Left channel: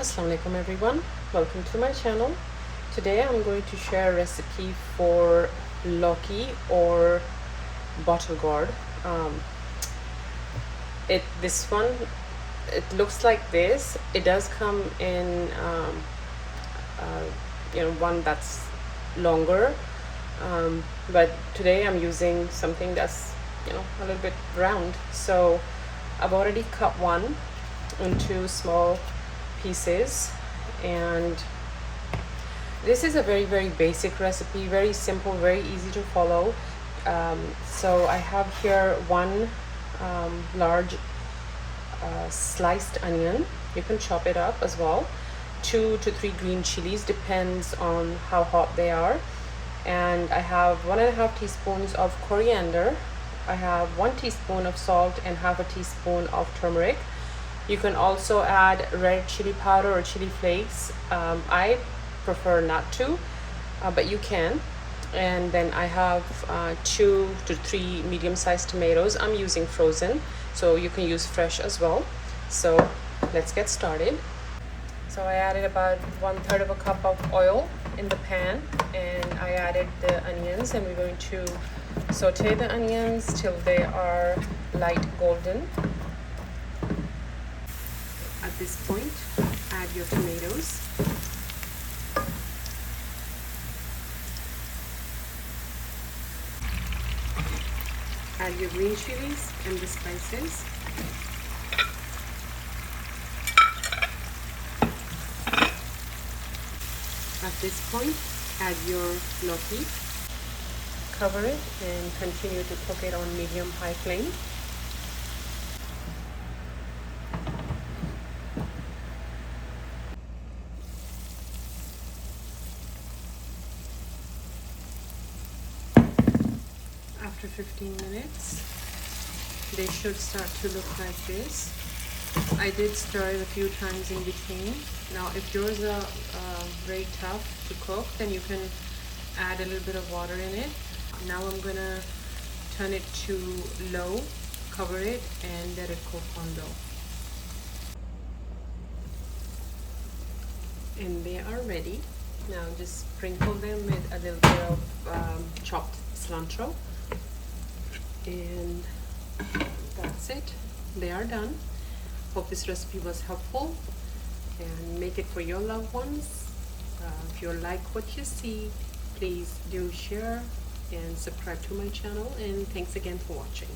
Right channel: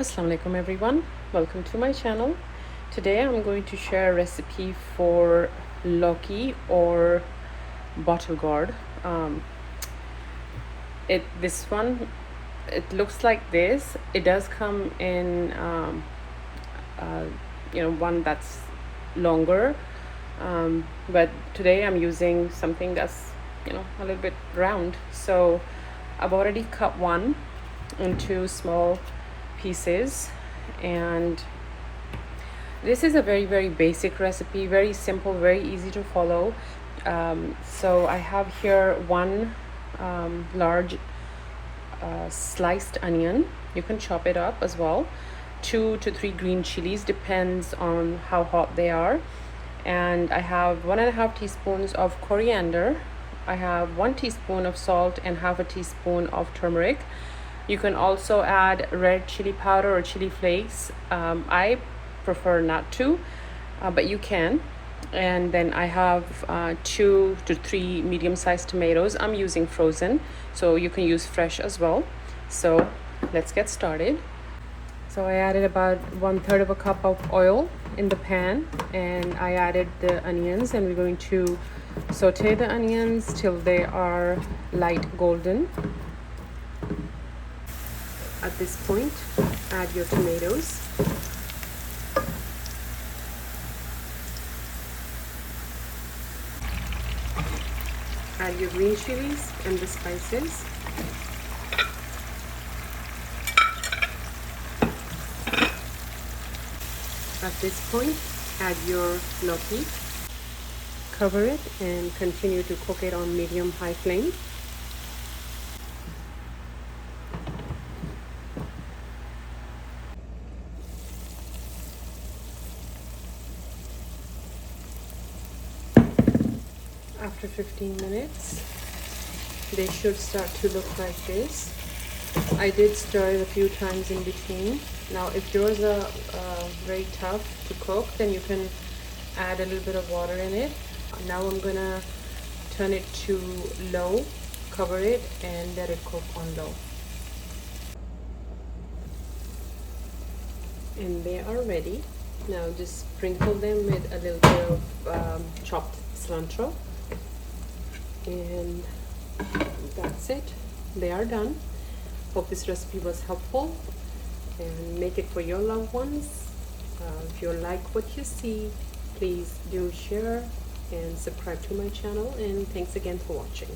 Assalamu alaikum everyone, welcome to my channel. Today I'm going to share a recipe for Lauki or bottle gourd. This one, it looks like this. It does come in one that's longer, but today I'm using something that's a little bit round. So I've already cut one into small pieces, and this is a very basic recipe, very simple, very easy to follow. So I have here one large sliced onion. You can chop it up as well. 2 to 3 green chilies, depends on how hot they are. And I have 1.5 teaspoons of coriander. I have 1 teaspoon of salt and half a teaspoon of turmeric. You can also add red chili powder or chili flakes. I prefer not to, but you can. And then I have 2 to 3 medium-sized tomatoes. I'm using frozen, so you can use fresh as well. So let's get started. So I added about 1/3 of a cup of oil in the pan, and I added the onions, and we're going to saute the onions till they are light golden. At this point, add your tomatoes. Add your green chilies and the spices. At this point, add your Lauki. Cover it and continue to cook it on medium-high flame. After 15 minutes, they should start to look like this. I did stir it a few times in between. Now, if yours are very tough to cook, then you can add a little bit of water in it. Now I'm gonna turn it to low, cover it, and let it cook on low. And they are ready. Now just sprinkle them with a little bit of chopped cilantro. And that's it. They are done. Hope this recipe was helpful, and make it for your loved ones. If you like what you see, please do share and subscribe to my channel, and thanks again for watching.